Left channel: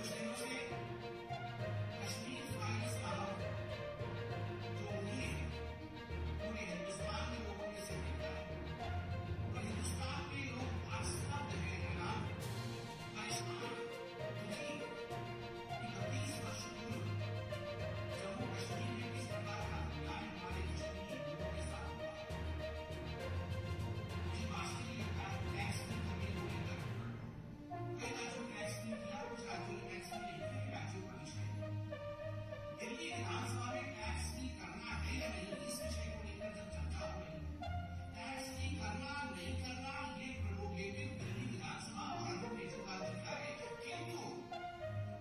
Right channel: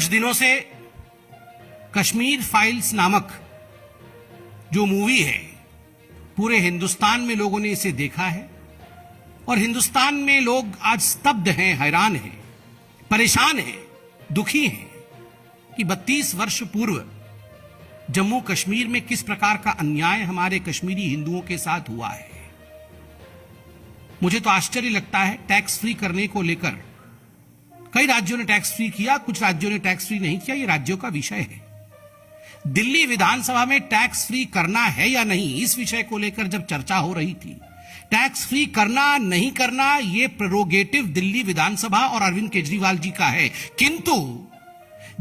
कुछ दिनों से कश्मीर फाइल्स नामक जो मूवी है, पूरे हिंदुस्तान में लोगों ने इसे देखा है और हिंदुस्तान में लोग आज स्तब्ध हैं, हैरान हैं, परेशान हैं, दुखी हैं कि 32 वर्ष पूर्व जम्मू कश्मीर में किस प्रकार का अन्याय हमारे कश्मीरी हिंदुओं के साथ हुआ है। मुझे तो आश्चर्य लगता है, टैक्स फ्री करने को लेकर कई राज्यों ने टैक्स फ्री किया, कुछ राज्यों ने टैक्स फ्री नहीं किया, ये राज्यों का विषय है। दिल्ली विधानसभा में टैक्स फ्री करना है या नहीं, इस विषय को लेकर जब चर्चा हो रही थी, टैक्स फ्री करना नहीं करना ये प्रेरोगेटिव दिल्ली विधानसभा और अरविंद केजरीवाल जी का है, किंतु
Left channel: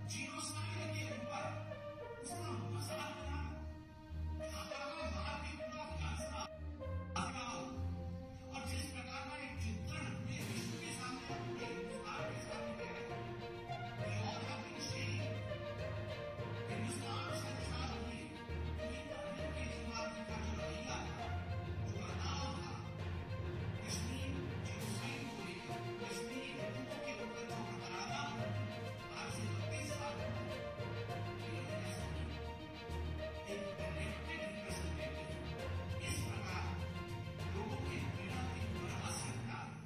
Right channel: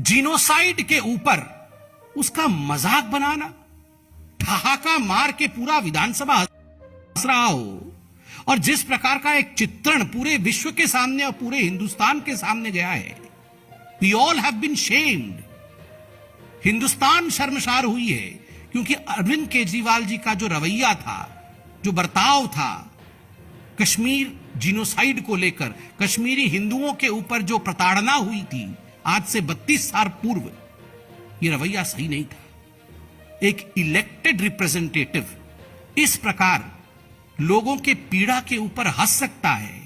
जीनोसाइड के ऊपर उसका मजाक बनाना, ठहाका मार के पूरा विधानसभा हंस रहा हो और जिस प्रकार का एक चित्रण पूरे विश्व के सामने और पूरे हिंदुस्तान के सामने गया है, we all have been shamed. Hindustan शर्मसार हुई है क्योंकि अरविंद केजरीवाल जी का जो रवैया था, जो बर्ताव था, कश्मीर जीनोसाइड को लेकर, कश्मीरी हिंदुओं के ऊपर जो प्रताड़ना हुई थी आज से 32 साल पूर्व, ये रवैया सही नहीं था। एक इलेक्टेड रिप्रेजेंटेटिव इस प्रकार लोगों के पीड़ा के ऊपर हंस सकता है,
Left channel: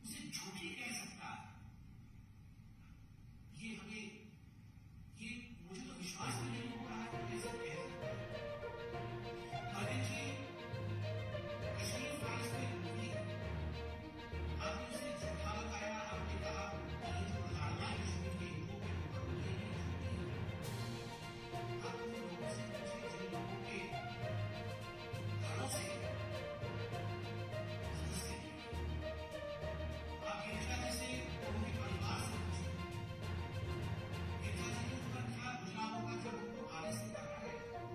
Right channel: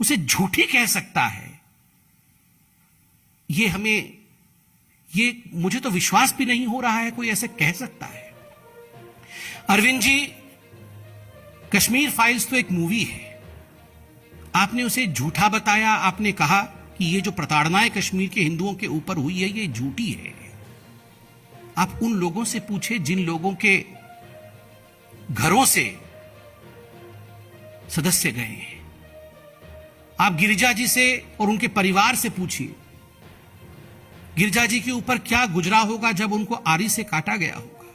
उसे झूठी कह सकता है, ये मुझे तो विश्वास भी नहीं हो रहा है कोई ऐसे कह सकता है। अरविंद जी, कश्मीर फाइल्स तो एक मूवी है, आपने उसे झूठा बताया, आपने कहा कि ये जो प्रताड़नाएं कश्मीर के हिंदुओं के ऊपर हुई है ये झूठी है। आप उन लोगों से पूछे जिन लोगों के घरों से सदस्य गए हैं, आप गिरिजा जी से और उनके परिवार से पूछिए, गिरिजा जी के ऊपर क्या गुजरा होगा जब उनको आरी से काटा गया होगा।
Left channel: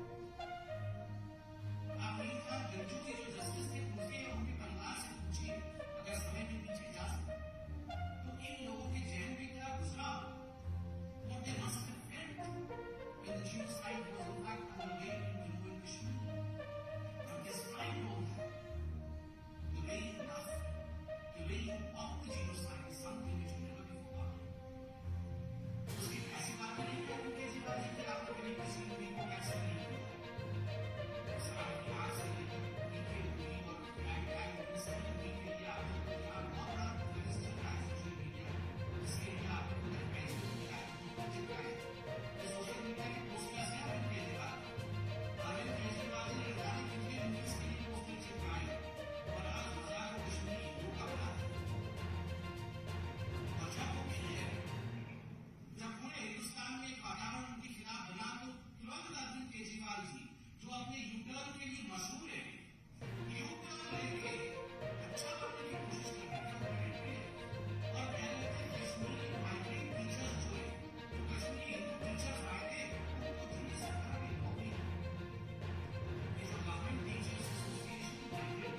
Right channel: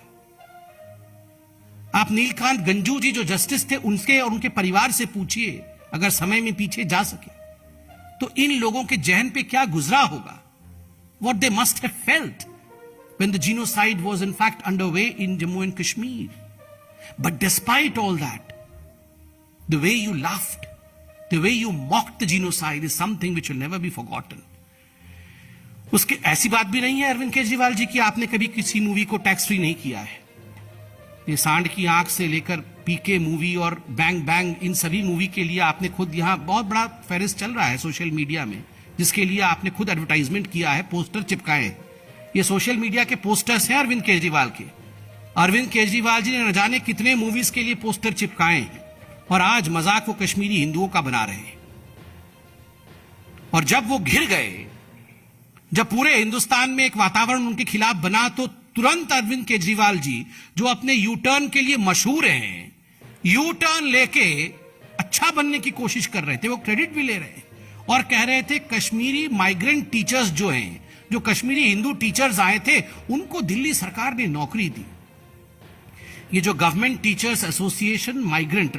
आप नीलकांत गंजू जी जो जस्टिस थे, उनके और उनके परिवार से पूछिए, अगर समय में पीछे जा सके तो इन लोगों के जहन पे क्या गुजरा होगा, what they must have felt when the genocide was in fact underway in Jammu and Kashmir. But despite all that, the way you laughed, the way you mocked the genocide is something which will never be forgotten. उसकी ऐसी बात भी नहीं है अरविंद केजरीवाल जी की आपने कभी किसी मूवी को टैक्स फ्री नहीं किया है। ये सांड की आंख से लेकर पीके मूवी और बैंग बैंग, इन सभी मूवी के लिए आपने खुद, यहां बहुत बड़ा फेरिस चल रहा है सोशल मीडिया में, जिसके लिए आपने खुद एडवर्टाइजमेंट किया है, पोस्टर चिपकाए। ये सोशल मीडिया के पोस्टर्स हैं अरविंद केजरीवाल के। अरविंद केजरीवाल जी ने न जाने कितने मूवीज के लिए पोस्टर चिपकाए हैं और आज मजाक वो कश्मीरी हिंदुओं का बना रहे हैं। और जब वो घिर गए, जब पूरे हिंदुस्तान में एक वातावरण उनके खिलाफ बना, तो तुरंत अरविंद केजरीवाल जी जो अपने यू टर्न के लिए मशहूर हैं, यू टर्न लेके अच्छा बनने की कोशिश कर रहे थे, वो क्रेडिट भी ले रहे हैं और कह रहे थे कश्मीरी माइग्रेंट टीचर्स जो हैं, जो कश्मीरी हिंदू टीचर्स आए थे, उनको दिल्ली सरकार ने नौकरी दी। ये जो government teachers association migrant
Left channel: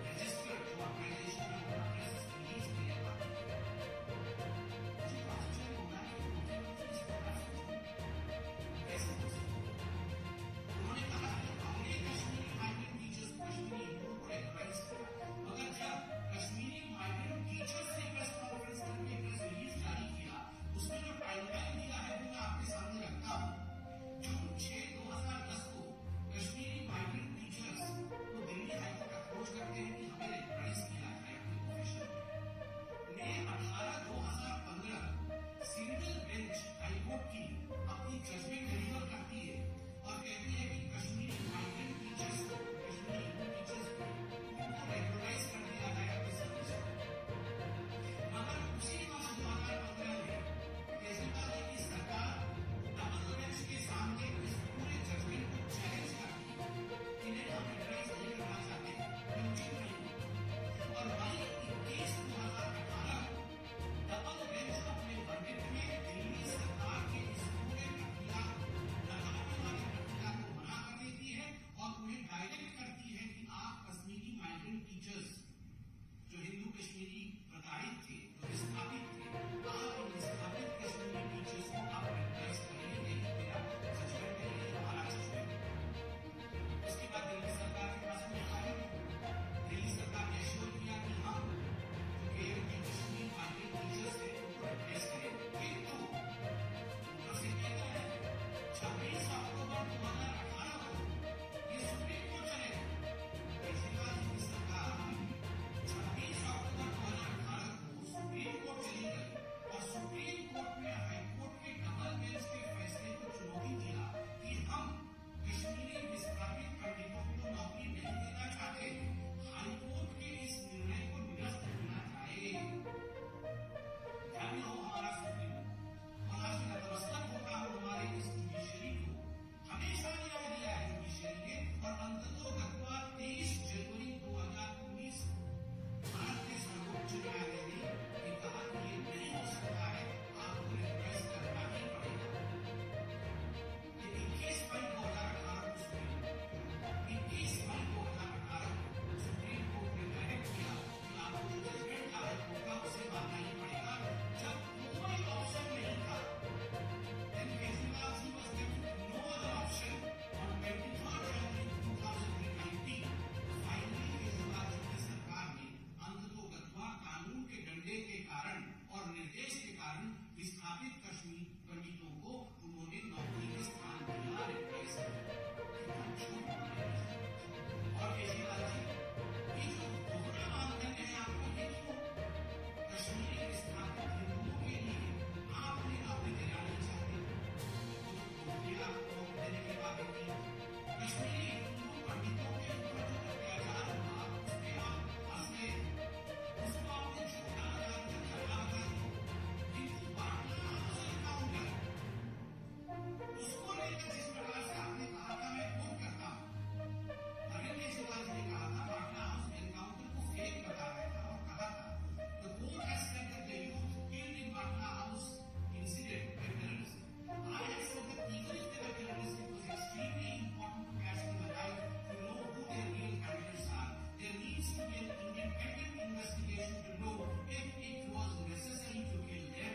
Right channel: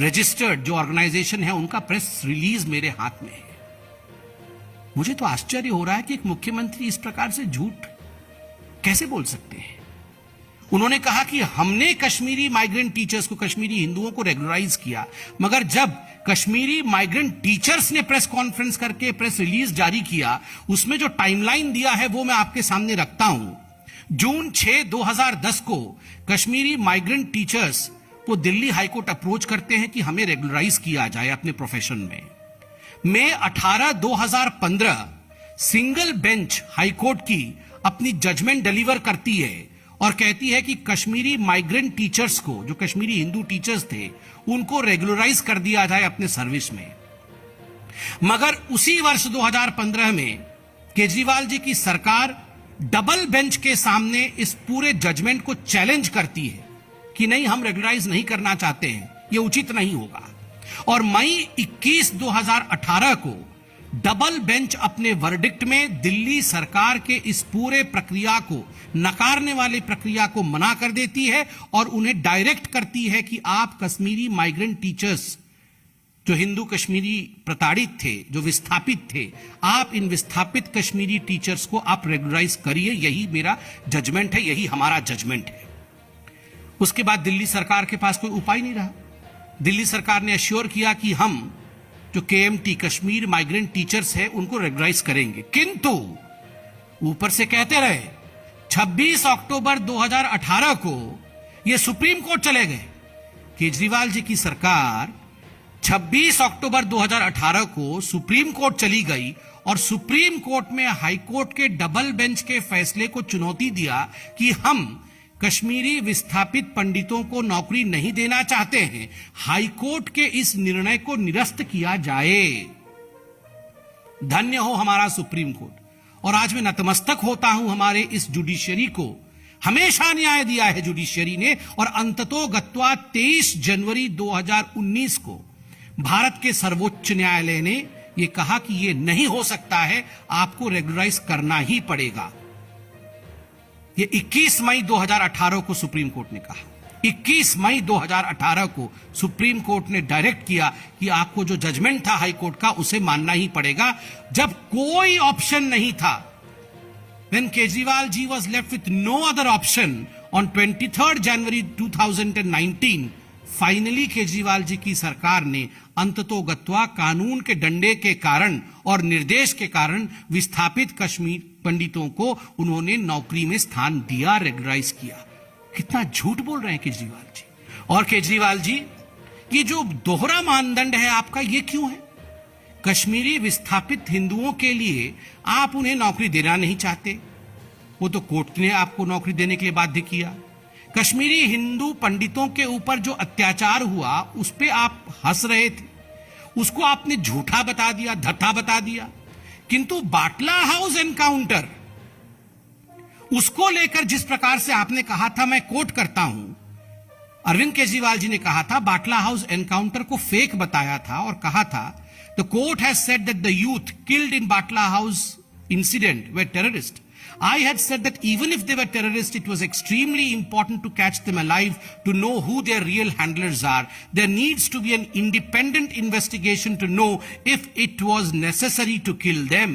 registered जो ऑर्गेनाइजेशन है, उनका प्रेस रिलीज मेरे हाथ में है। मुझे तो आश्चर्य हो रहा है कि एक मुख्यमंत्री इस प्रकार से झूठ कैसे बोल सकते हैं। उन्होंने कहा कि हमने कश्मीरी माइग्रेंट टीचर्स को, कश्मीरी हिंदुओं को रेगुलराइज किया, मगर जब कश्मीरी माइग्रेंट टीचर्स ने प्रेस कॉन्फ्रेंस करके प्रेस रिलीज जारी किया, उसमें जो टाइमलाइन दिया है वो मैं आपके सामने रखता हूं। जून 6, 2010 को कश्मीरी माइग्रेंट टीचर्स को दिल्ली हाईकोर्ट अप्रोच करते हैं कि हमें रेगुलराइज किया जाए अपने प्रोफेशन में। मई 18, 2015 सिंगल बेंच हाईकोर्ट की अपनी जजमेंट डिलीवर करती है और कहती है कि कश्मीरी माइग्रेंट टीचर्स को, जो कश्मीरी हिंदू टीचर्स थे, उनको रेगुलराइज कर दिया जाए अपने सर्विस में। मगर उसी वर्ष 2015 में केजरीवाल जी की सरकार डबल बेंच के सामने इस पूरे जजमेंट को चैलेंज करती है कि नहीं, हम रेगुलराइज नहीं करना चाहते हैं, यह उचित नहीं होगा। और मई 21, 2018 को डबल बेंच अपने वर्डिक्ट में दिल्ली सरकार के इस पूरे प्रक्रिया को, नकारने वाली प्रक्रिया को मना कर देती है और उन्हें डायरेक्ट करती है कि आप कश्मीरी माइग्रेंट टीचर्स, जो हिंदू कश्मीरी प्रताड़ित थे, जो विस्थापित थे, आप इन विस्थापित कश्मीरी टीचर्स को आप रेगुलराइज करिए। यही मेरा जजमेंट है, यही हमारा जजमेंट है। उसके बाद दिल्ली सरकार के पास कोई उपाय नहीं रहा। दिल्ली सरकार ने एश्योर किया कि हम जो KMT कश्मीर माइग्रेंट टीचर्स है उनको रेगुलराइज करेंगे, किंतु ऊपर से कहते रहे 26 अक्टूबर 2018 को ये सुप्रीम कोर्ट चले गए। केजरीवाल जी की सरकार 26 अक्टूबर 2018 को सुप्रीम कोर्ट चली गई और सुप्रीम कोर्ट में हाई कोर्ट के डबल बेंच के फैसले को चुनौती दिया कि हम कश्मीरी विस्थापित पंडितों को नौकरी नहीं देना चाहते हैं, हाई कोर्ट के इस निर्णय को निरस्त किया जाए। धन्य हो हमारा सुप्रीम कोर्ट। और आज मैं नतमस्तक होता हूं हमारे इस जुडिशियरी को। हमेशा न्याय दिया है जुडिशियरी ने, और अंततोगत्वा 23 जनवरी 2019 को भारत के सर्वोच्च न्यायालय ने यह कहा कि यह नहीं हो सकता है, आपको रेगुलराइज करना ही पड़ेगा। ये 21 मई 2018 को सुप्रीम कोर्ट ने कहा। 21 मई 2018 को सुप्रीम कोर्ट ने डायरेक्ट किया कि आपको जो जजमेंट था हाई कोर्ट का उसे मानना ही पड़ेगा, जब कोई ऑप्शन नहीं था। When Kejriwal ji was left with no other option on 23rd January 2019, finally Kejriwal ji की सरकार ने अंततोगत्वा कानून के डंडे के कारण और निर्देश के कारण विस्थापित कश्मीर पंडितों को उन्होंने नौकरी में स्थान दिया, रेगुलराइज किया। कितना झूठ बोल रहे हैं केजरीवाल जी। और केजरीवाल जी, ये जो दोहरा मानदंड है आपका, ये क्यों है? कश्मीरी विस्थापित हिंदुओं के लिए आप उन्हें नौकरी देना नहीं चाहते, वो तो कोर्ट ने आपको नौकरी देने के लिए बाध्य किया। कश्मीरी हिंदू पंडितों के ऊपर जो अत्याचार हुआ उस पे आप हंस रहे थे, उसको आपने झूठा बता दिया, धथा बता दिया। किंतु बाटला हाउस एनकाउंटर, उसको लेकर जिस प्रकार से आपने कहा था, मैं कोट करता हूं, अरविंद केजरीवाल जी ने कहा था बाटला हाउस एनकाउंटर को फेक बताया था और कहा था the court has said that the youth killed in Batla house incident were terrorist. I had said that even if they were terrorists, it was extremely important to catch them alive, to know who their real handlers are. There needs to be an independent investigation to know if it was necessary to kill them.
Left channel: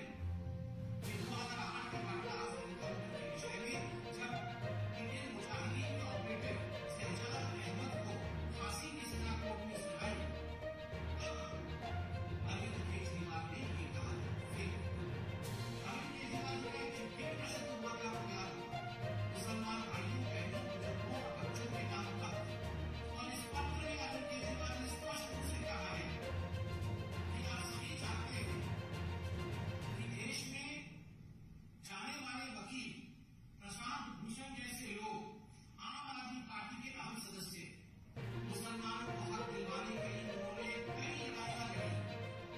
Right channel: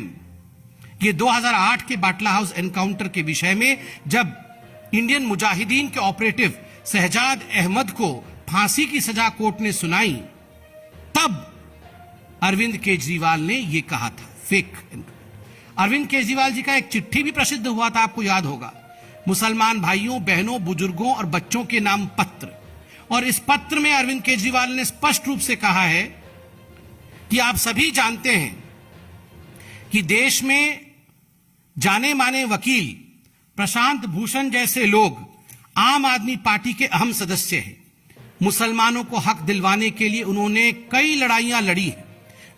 ये 2008 के बाटला house encounter के विषय में जब Indian Mujahideen के operative Shahzad Ahmad को फांसी की सजा कोर्ट ने सुनाई, तब अरविंद केजरीवाल ने यह कहा था फेक। अरविंद केजरीवाल जी का एक चिट्ठी भी प्रसिद्ध हुआ था, आपको याद होगा, मुसलमान भाइयों बहनों बुजुर्गों और बच्चों के नाम पत्र। और इस पत्र में अरविंद केजरीवाल ने स्पष्ट रूप से कहा है कि आप सभी जानते हैं कि देश में जाने माने वकील प्रशांत भूषण जैसे लोग आम आदमी पार्टी के अहम सदस्य हैं। मुसलमानों को हक दिलवाने के लिए उन्होंने कई लड़ाइयां लड़ी हैं।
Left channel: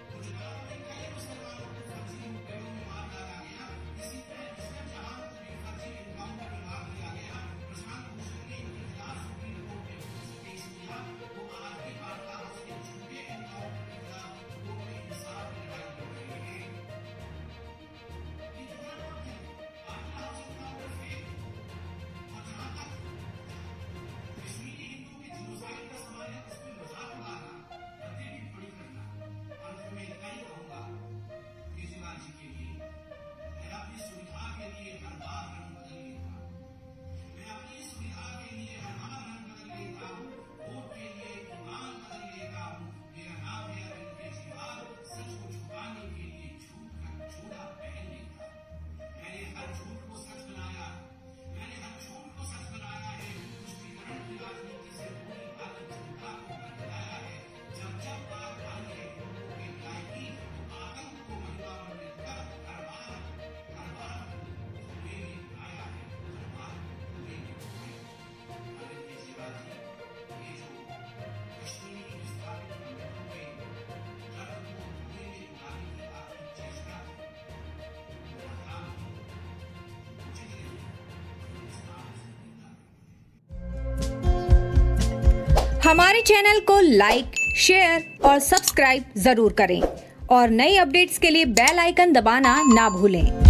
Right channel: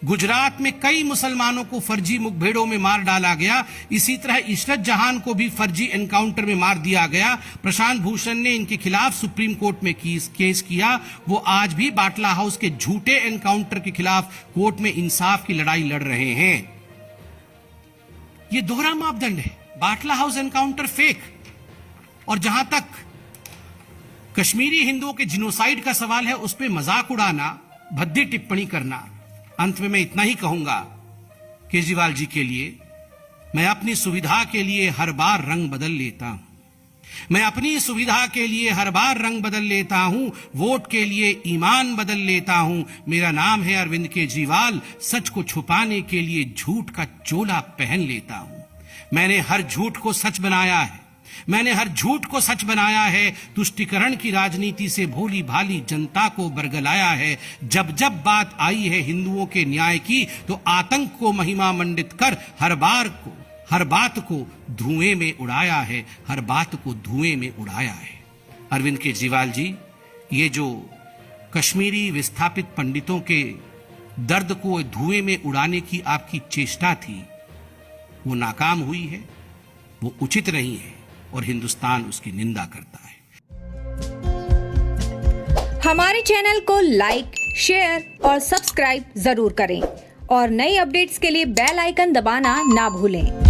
गुजरात में कई मुसलमानों को फर्जी मुठभेड़ों में मार डाला गया। इसी तरह इशरत जहां को भी फर्जी एनकाउंटर में मार दिया गया। प्रशांत भूषण ने इनके खिलाफ सुप्रीम कोर्ट में केस किया। वो आज भी बाटला हाउस के झूठे एनकाउंटर के खिलाफ कोर्ट में इंसाफ की लड़ाई लड़ रहे हैं। ये दोहरा मापदंड है, बाटला हाउस एनकाउंटर फेक। और जहां तक कश्मीरी हिंदुओं के जिनोसाइड का सवाल है, उस पर मजाक उड़ाना, भद्दी टिप्पणी करना। अंत में मैं इतना ही कहूंगा केजरीवाल जी के लिए, मैं अपनी सुविधा के लिए हर बार रंग बदल लेता हूं। मैं अपनी सुविधा के लिए हर बार रंग बदल लेता हूं, वोट के लिए ईमान बदल लेता हूं। मेरा नाम है अरविंद केजरीवाल, सच को छुपाने के लिए झूठ का चोला पहन लेता हूं। मैंने हर झूठ को सच बनाया है, मैंने हर झूठ को सच बनाया है। तुष्टीकरण की राजनीति से भोली भाली जनता को बरगलाया है। जब जब बात आई है हिंदुओं के न्याय की, तो आतंक को महिमा मंडित कर हर बात को धुएं में उड़ाया है, हर बात को धुएं में उड़ाया है। अरविंद केजरीवाल जी, ये जो कश्मीरी विस्थापित पंडितों के दर्द को धुएं में उड़ाने की आपकी चेष्टा थी, वो नाकाम हुई है, वो उचित नहीं है और हिंदुस्तान उसकी निंदा करता है। हमारे चैनल को लाइक, शेयर और सब्सक्राइब जरूर करें और नई अपडेट्स के लिए बेल आइकन दबाना ना भूलें।